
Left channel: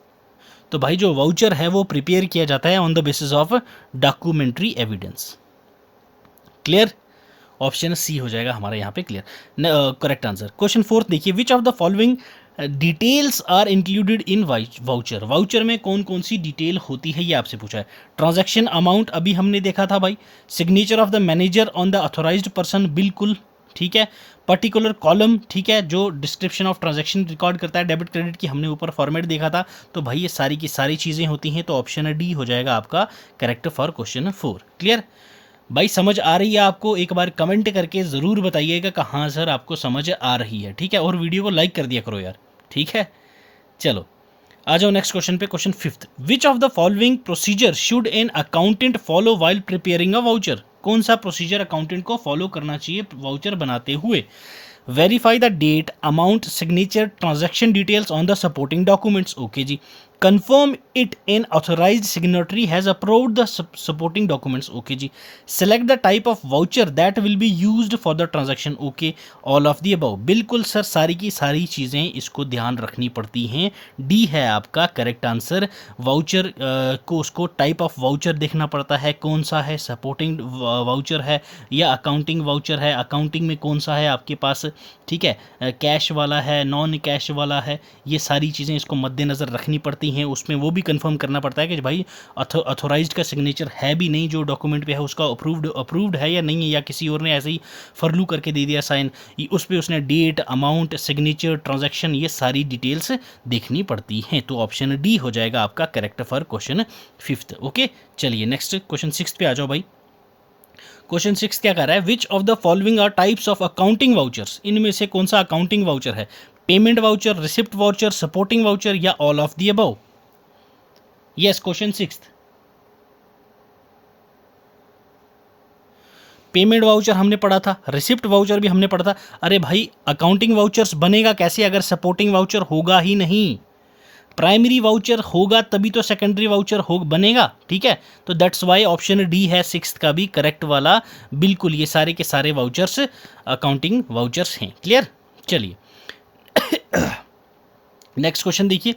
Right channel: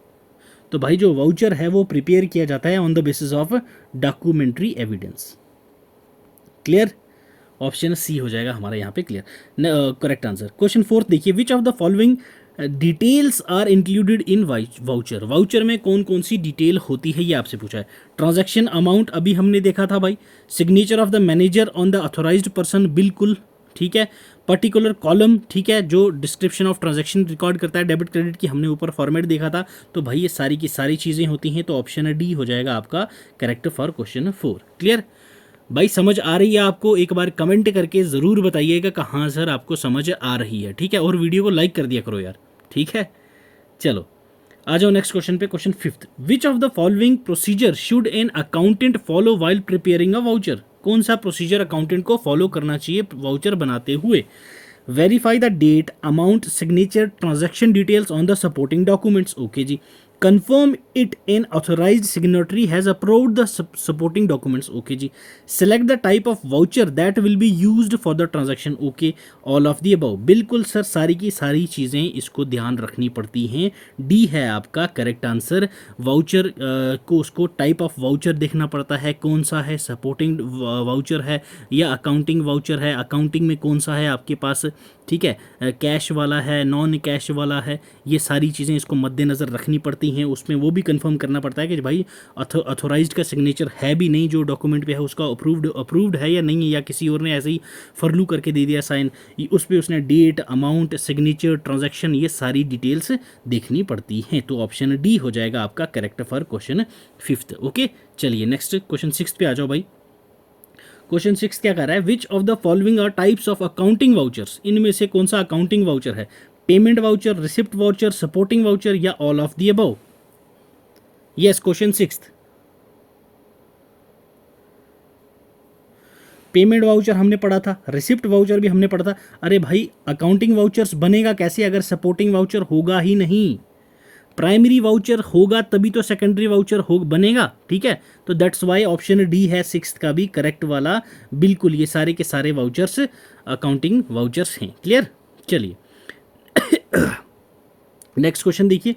तो भाई जो वाउचर है वो प्रिपेयर किया जाता है on the basis of documentary evidence. Clear? Option C हो जाएगा हमारा यहाँ पे क्लियर करेक्ट आंसर। क्वेश्चन 4 देखिए, which of the following details are included in voucher, voucher में कौन कौन सी डिटेल होती है ये आपसे पूछा है। ट्रांजैक्शन अमाउंट अभी हमने देखा था भाई, signature of the manager on the authorised person, बिल्कुल ठीक है। पर्टिकुलर कॉलम, ठीक है, जो डिस्क्रिप्शन ऑफ ट्रांजैक्शन रिकॉर्ड करता है, डेबिट क्रेडिट की हमने ऊपर फॉर्मेट देखा था। तो भाई ये सारी की सारी चीज़ें होती हैं, तो ऑप्शन डी हो जाएगा आपका करेक्ट फॉर क्वेश्चन 4। क्लियर भाई? समझ आ रही है आपको? एक बार कमेंट करके ज़रूर बताइएगा कि हाँ सर आपको समझ आ रही है, ठीक है। और वीडियो को लाइक कर दिया करो यार, ठीक है। चलो आ जाओ नेक्स्ट क्वेश्चन पे, question fifth. Which of the following procedure should an accountant follow while preparing a voucher? कौन सा प्रोसीजर अकाउंटेंट को फॉलो करना चाहिए वाउचर बनाते हुए? Verify the date, amount, signature, transaction details on the supporting documents, okay जी। confirm it an authorized signatory has approved the supporting documents, okay जी। select the type of voucher that will be used for the transaction, okay। all of the above, बिल्कुल sir, सारी की सारी चीज़ें इसको ध्यान रखनी पड़ती हैं। डी है आपका करेक्ट आंसर। वाउचर को उसको टाइप ऑफ वाउचर देखना पड़ता है, कौन सा है, सपोर्टिंग वाउचर है या अकाउंटिंग वाउचर है, अकाउंटिंग में कौन सा है आपके पास, ठीक है, कैश वाला है, नॉन कैश वाला है, ये सारी चीज़ें इसको मद्देनज़र रखनी पड़ती हैं। उसमें वो भी कंफर्म करना पड़ता है कि भाई अथोराइज्ड का सिग्नेचर है भी नहीं, जो डॉक्यूमेंट पे है उसका अप्रूव्ड है या नहीं है, या किसी और ने ऐसे ही फरलू करके दे दिया साइन, उस पर उसने डेट, अमाउंट, सिग्नेचर, ट्रांजैक्शन, ये सारी डिटेल्स देखनी पड़ती हैं। तो ऑप्शन डी हो जाएगा आपका correct for question fifth, okay. चलिए नेक्स्ट क्वेश्चन सिक्स पे आ जाओ भाई। क्वेश्चन सिक्स क्या कर रहा है? Which of the following are types of accounting vouchers? इनमें से कौन सा अकाउंटिंग वाउचर है? Payment voucher, receipt voucher, supporting voucher या all of the above? Yes, question six. Payment voucher हमने पढ़ा था, रिसिप्ट वाउचर भी हमने पढ़ा था। अरे भाई, अकाउंटिंग वाउचर्स बनेगा कैसे अगर सपोर्टिंग वाउचर होगा ही नहीं? प्राइमरी वाउचर होगा तभी तो सेकेंडरी वाउचर हो बनेगा, ठीक है। तो दैट्स वाई ऑप्शन डी है सिक्स्थ का भी करेक्ट वाला। बिल्कुल, ये सारे के सारे वाउचर्स अकाउंटिंग वाउचर्स हैं। क्लियर? चलिए नेक्स्ट क्वेश्चन देखिए।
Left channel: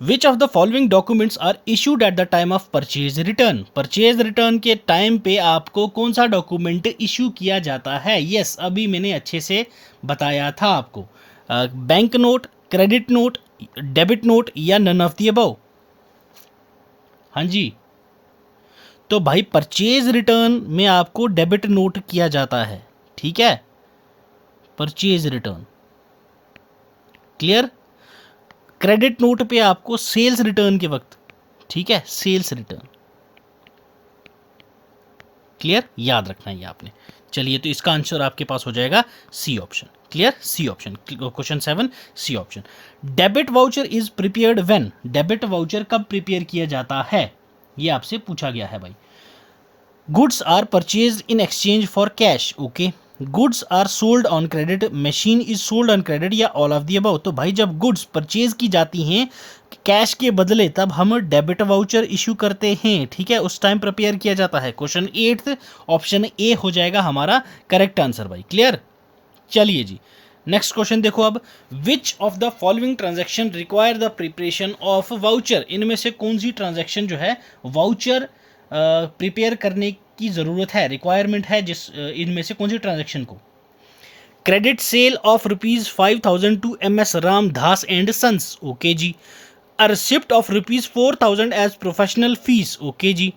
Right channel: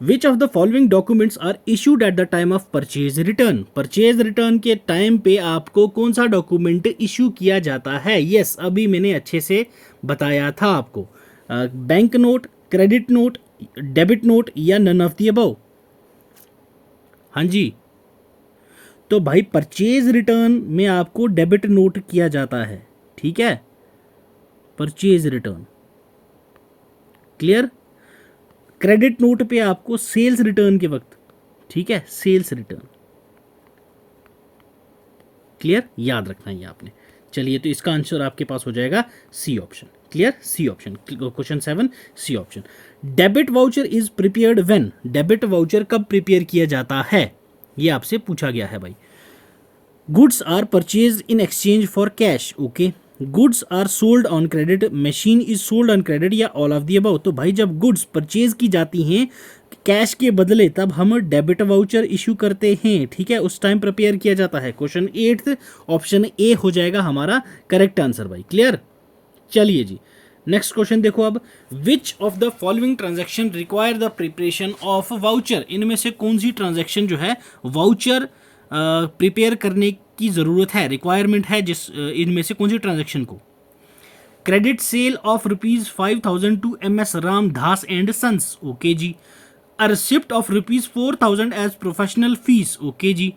Which of the following documents are issued at the time of purchase return? Purchase return के टाइम पे आपको कौन सा डॉक्यूमेंट इशू किया जाता है? यस, अभी मैंने अच्छे से बताया था आपको। Bank note, credit note, debit note या नन ऑफ द अबव? हाँ जी, तो भाई परचेज रिटर्न में आपको डेबिट नोट किया जाता है, ठीक है, purchase return. Clear? Credit note पे आपको सेल्स रिटर्न के वक्त, ठीक है, सेल्स रिटर्न। क्लियर? याद रखना है ये आपने। चलिए, तो इसका आंसर आपके पास हो जाएगा C option. Clear? C option, question 7 C option. Debit voucher is prepared when? Debit voucher कब प्रिपेयर किया जाता है, ये आपसे पूछा गया है भाई। Goods are purchase in exchange for cash, okay. Goods are sold on credit, machine is sold on credit या ऑल ऑफ द अबव? तो भाई जब गुड्स परचेज की जाती हैं कैश के बदले तब हम डेबिट वाउचर इशू करते हैं, ठीक है, उस टाइम प्रिपेयर किया जाता है। क्वेश्चन 8 ऑप्शन ए हो जाएगा हमारा करेक्ट आंसर भाई। क्लियर? चलिए जी, नेक्स्ट क्वेश्चन देखो अब। विच of the following transaction require the preparation of voucher? इनमें से कौन सी ट्रांजैक्शन जो है वाउचर प्रिपेयर करने की ज़रूरत है, रिक्वायरमेंट है, जिस इनमें से कौन सी ट्रांजैक्शन को? Credit sale of ₹5,000 to MS Ramdas and sons, okay जी। A receipt of ₹4,000 as professional fees, okay जी।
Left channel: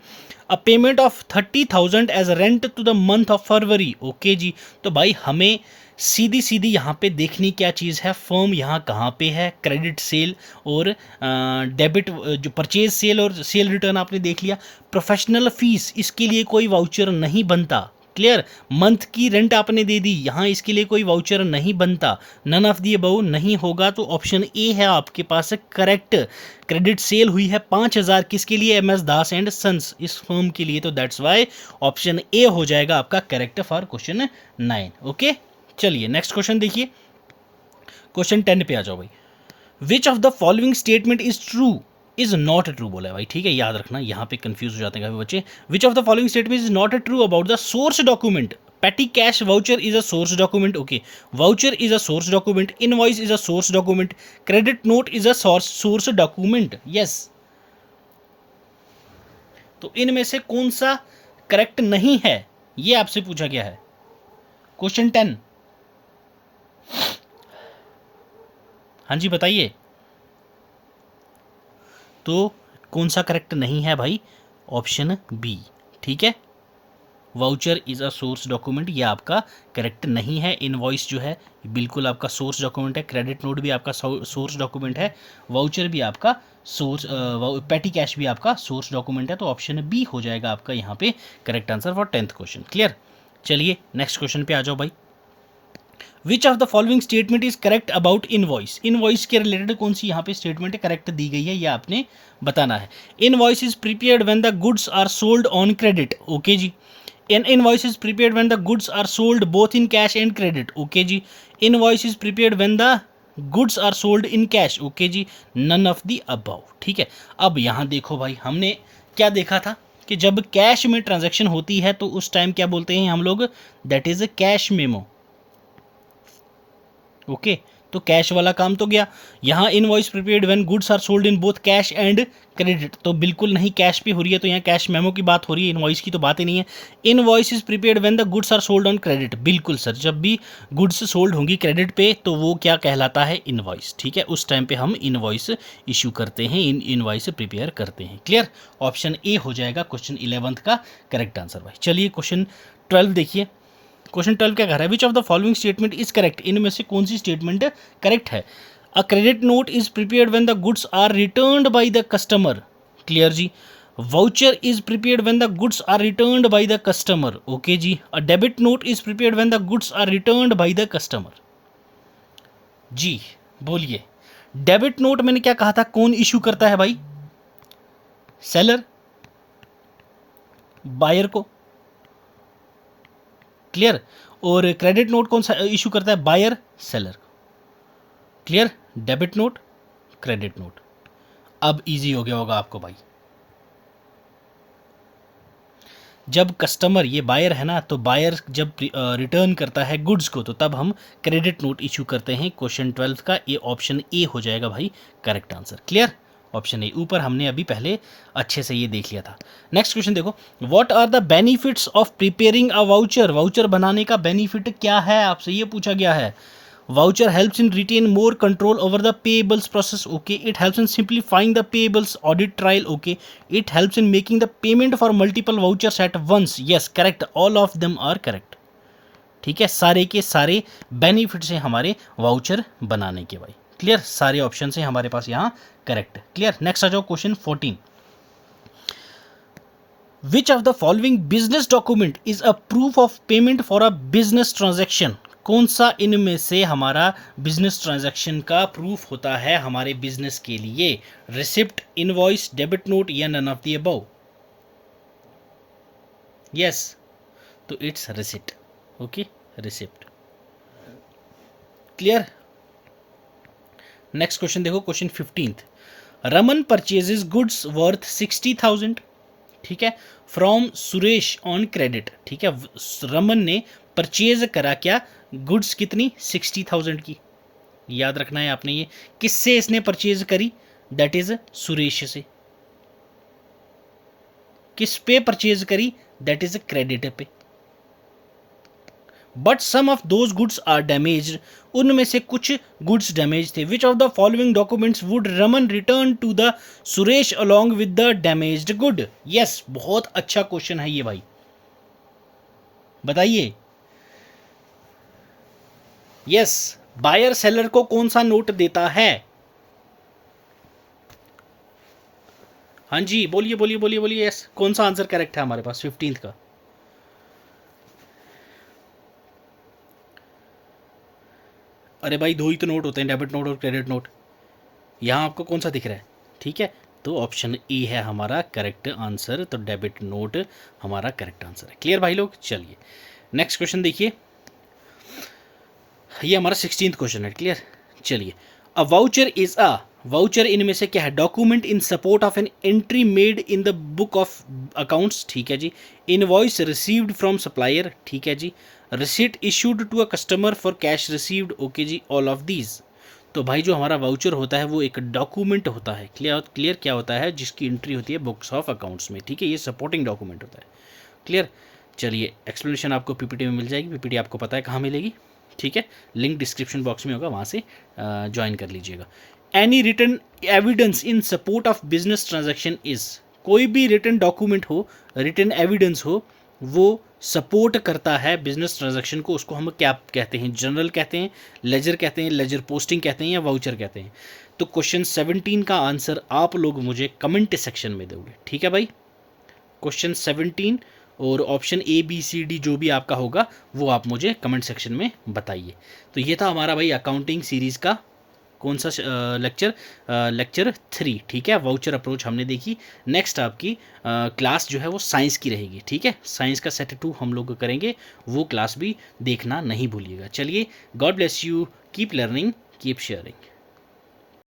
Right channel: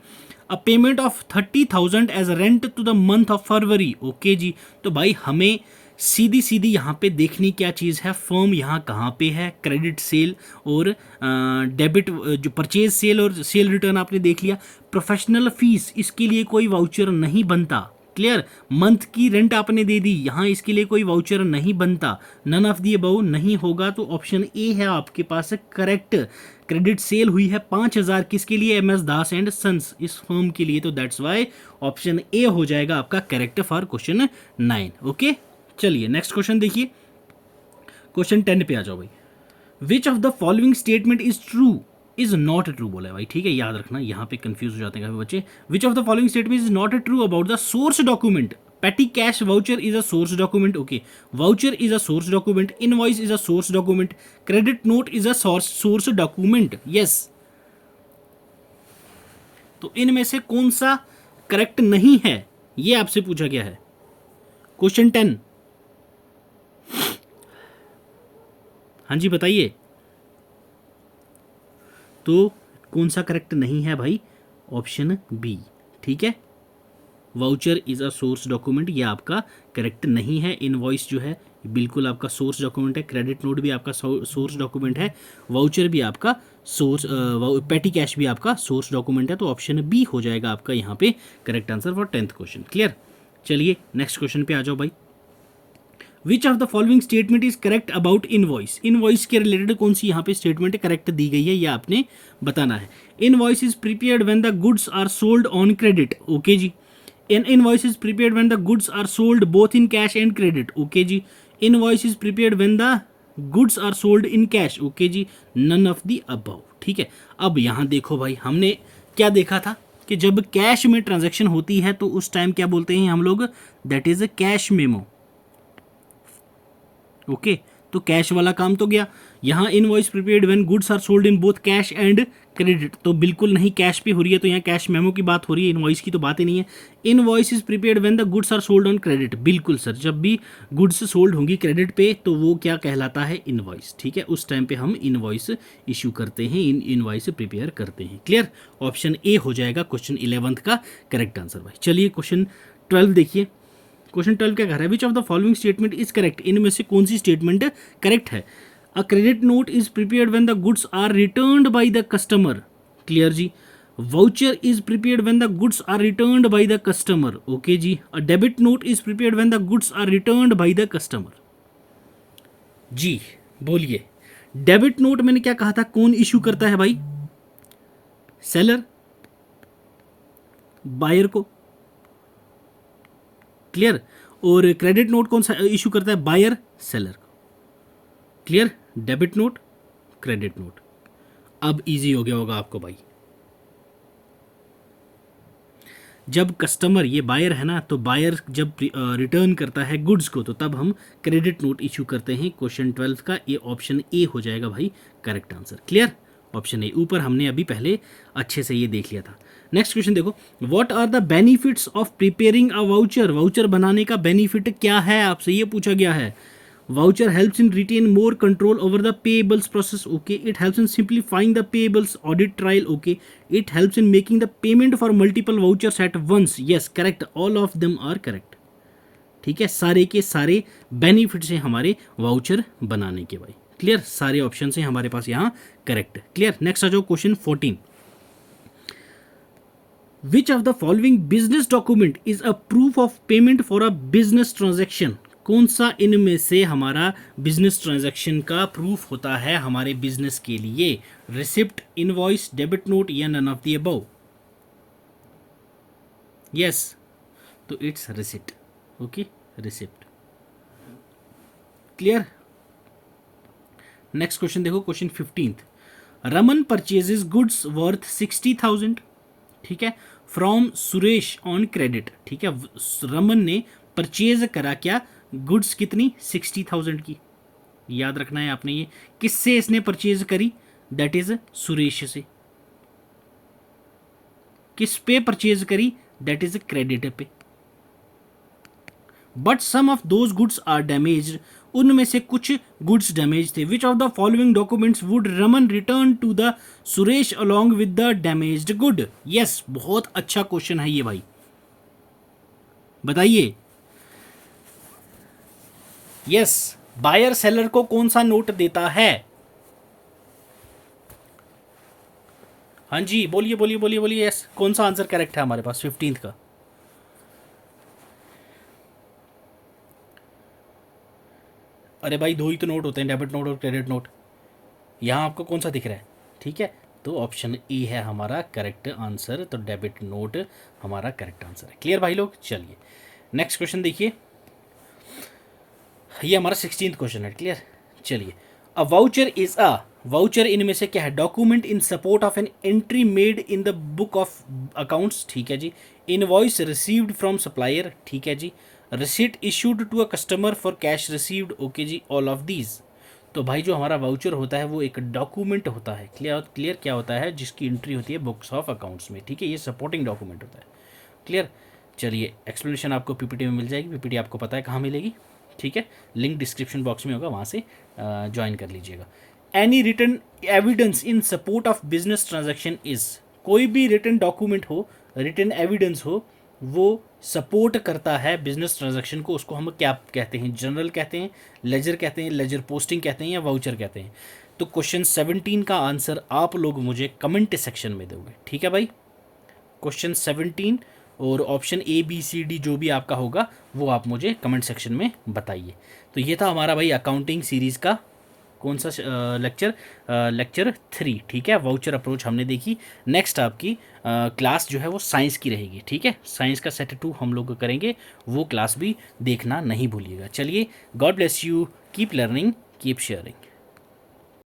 A payment of 30,000 as rent to the month of February, okay जी। तो भाई हमें सीधी सीधी यहाँ पे देखनी क्या चीज़ है, फर्म यहाँ कहाँ पे है, क्रेडिट सेल और डेबिट, जो परचेज सेल और सेल रिटर्न आपने देख लिया। प्रोफेशनल फीस, इसके लिए कोई वाउचर नहीं बनता। क्लियर? मंथ की रेंट आपने दे दी, यहाँ इसके लिए कोई वाउचर नहीं बनता। नन ऑफ दी अबव नहीं होगा, तो ऑप्शन ए है आपके पास करेक्ट। क्रेडिट सेल हुई है 5,000 किसके लिए? MS दास एंड सन्स, इस फर्म के लिए। तो दैट्स वाई ऑप्शन ए हो जाएगा आपका करेक्ट फॉर क्वेश्चन 9, ओके। चलिए नेक्स्ट क्वेश्चन देखिए, क्वेश्चन 10 पे आ जाओ भाई। विच of the following statement is true is not true बोला है भाई, ठीक है, याद रखना, यहाँ पे कंफ्यूज हो जाते हैं काफी बच्चे। विच of the following statement is not true about the source document? petty cash voucher is a source document, okay, voucher is a source document, invoice is a source document, credit note is a source document, yes। तो इनमें से कौन सा correct नहीं है, ये आपसे पूछा गया है। क्वेश्चन 10, हाँ जी बताइए, तो कौन सा करेक्ट नहीं है भाई? ऑप्शन बी, ठीक है, voucher is a source document, ये आपका करेक्ट नहीं है। इनवॉइस जो है बिल्कुल आपका सोर्स डॉक्यूमेंट है, क्रेडिट नोट भी आपका सोर्स डॉक्यूमेंट है, वाउचर भी आपका सोर्स, पेटी कैश भी आपका सोर्स डॉक्यूमेंट है। तो ऑप्शन बी हो जाएगा आपका यहाँ पे correct answer for 10th question. Clear? चलिए नेक्स्ट क्वेश्चन पे आ जाओ भाई। विच of the following statement is correct about invoice, invoice के रिलेटेड कौन सी यहाँ पे स्टेटमेंट करेक्ट दी गई है, ये आपने बताना है। Invoice is prepared when the goods are sold on credit, okay जी। An invoice is prepared when the goods are sold both in cash and credit, okay जी। Invoice is prepared when the goods are sold in cash, okay जी। None of the above, ठीक है। अब यहाँ देखो भाई, हमने क्या देखा था कि जब कैश में ट्रांजैक्शन होती है तो उस टाइम क्या बोलते हैं हम लोग, that is a cash memo, okay. तो कैश वाला काम तो गया। यहाँ invoice prepaid when goods are sold in both cash and credit, तो बिल्कुल नहीं कैश पे हो रही है, तो यहाँ कैश मेमो की बात हो रही है, इनवॉइस की तो बात ही नहीं है। Invoice is prepaid when the goods are sold on credit, बिल्कुल सर, जब भी गुड्स सोल्ड होंगी क्रेडिट पे तो वो क्या कहलाता है, इनवॉइस, ठीक है। उस टाइम पे हम इनवॉइस इशू करते हैं, इनवॉइस प्रिपेयर करते हैं। क्लियर, ऑप्शन ए हो जाएगा क्वेश्चन 11 का करेक्ट आंसर भाई। चलिए क्वेश्चन 12 देखिए। क्वेश्चन 12 क्या कह रहा है, which of the following statement is correct, इनमें से कौन सी स्टेटमेंट करेक्ट है। A credit note is prepared when the goods are returned by the customer, clear जी। Voucher is prepared when the goods are returned by the customer, okay जी। A debit note is prepared when the goods are returned by the customer, जी बोलिए। Debit note मैंने क्या कहा था, कौन issue करता है भाई, सेलर, बायर को, क्लियर। और क्रेडिट नोट कौन सा इशू करता है, बायर सेलर को, clear. Debit note, credit note. अब इजी हो गया होगा आपको भाई, जब कस्टमर, ये बायर है ना, तो बायर जब रिटर्न करता है गुड्स को तो तब हम क्रेडिट नोट इशू करते हैं। क्वेश्चन 12 का ये ऑप्शन ए हो जाएगा भाई correct answer, clear. Option A, ऊपर हमने अभी पहले अच्छे से ये देख लिया था। नेक्स्ट क्वेश्चन देखो, what are the benefits of preparing a voucher, voucher बनाने का बेनिफिट क्या है, आपसे ये पूछा गया है। Voucher helps in retain more control over the payables process, okay. It helps in simplifying the payables audit trail, okay. It helps in making the payment for multiple vouchers at once, yes correct, all of them are correct, ठीक है। सारे के सारे benefits हैं हमारे voucher बनाने के भाई, क्लियर। सारे ऑप्शन हैं हमारे पास यहाँ करेक्ट, क्लियर। नेक्स्ट आ जाओ question 14, which of the following business document is a proof of payment for a business transaction, कौन सा इनमें से हमारा बिजनेस ट्रांजैक्शन का प्रूफ होता है हमारे बिजनेस के लिए, रिसिप्ट, इनवॉइस, डेबिट नोट या none of the above, yes तो it's receipt, okay receipt, clear. Next question देखो, question 15, Raman purchases goods worth 60,000, ठीक है, फ्रॉम सुरेश ऑन क्रेडिट, ठीक है। रमन ने परचेज करा क्या, गुड्स कितनी, 60,000 की, याद रखना है आपने। ये किससे इसने परचेज करी, दैट इज सुरेश से। किस पे परचेज करी, दैट इज क्रेडिट पे। But some of those goods are damaged, उनमें से कुछ गुड्स डैमेज थे। Which of the following documents would Raman return to the Suresh along with the damaged good, yes बहुत अच्छा क्वेश्चन है ये भाई, बताइए। यस, बायर सेलर को कौन सा नोट देता है, हाँ जी बोलिए बोलिए बोलिए बोलिए, यस कौन सा आंसर करेक्ट है हमारे पास 15 का, अरे भाई दो ही तो नोट होते हैं, डेबिट नोट और क्रेडिट नोट। यहाँ आपको कौन सा दिख रहा है, ठीक है, तो ऑप्शन ए है हमारा करेक्ट आंसर, तो डेबिट नोट हमारा करेक्ट आंसर है, क्लियर भाई लोग। चलिए नेक्स्ट क्वेश्चन देखिए, ये हमारा 16th क्वेश्चन है, क्लियर। चलिए, a voucher is a, voucher इनमें से क्या है, document in support of an entry made in the book of accounts, ठीक है जी। इनवॉइस रिसीव्ड फ्रॉम सप्लायर, ठीक है जी। Receipt issued to a customer for cash received, okay जी, ऑल ऑफ दीज। तो भाई जो हमारा वाउचर होता है वो एक डॉक्यूमेंट होता है, क्लियर क्या होता है, जिसकी एंट्री होती है बुक्स ऑफ अकाउंट्स में, ठीक है, ये सपोर्टिंग डॉक्यूमेंट होता है, क्लियर। चलिए एक्सप्लेनेशन आपको पीपीटी में मिल जाएगी, पीपीटी आपको पता है कहाँ मिलेगी, ठीक है, लिंक डिस्क्रिप्शन बॉक्स में होगा, वहाँ से ज्वाइन कर लीजिएगा। Any written evidence in support of business transaction is, कोई भी रिटन डॉक्यूमेंट हो, रिटन एविडेंस हो, वो सपोर्ट करता है बिजनेस ट्रांजैक्शन को, उसको हम क्या कहते हैं, जनरल कहते हैं, लेजर कहते हैं, लेजर पोस्टिंग कहते हैं या वाउचर कहते हैं। तो क्वेश्चन 17 का आंसर आप लोग मुझे कमेंट सेक्शन में दोगे, ठीक है भाई। क्वेश्चन 17 और option A B C D जो भी आपका होगा वो आप मुझे कमेंट सेक्शन में बताइए। तो ये था हमारा भाई अकाउंटिंग सीरीज़ का कौन सा लेक्चर, लेक्चर 3, ठीक है। वाउचर अप्रोच हमने देखी। नेक्स्ट आपकी क्लास जो है वो साइंस की रहेगी, ठीक है। साइंस का सेट 2 हम लोग करेंगे, वो क्लास भी देखना नहीं भूलिएगा। चलिए, God bless you, keep learning, keep sharing.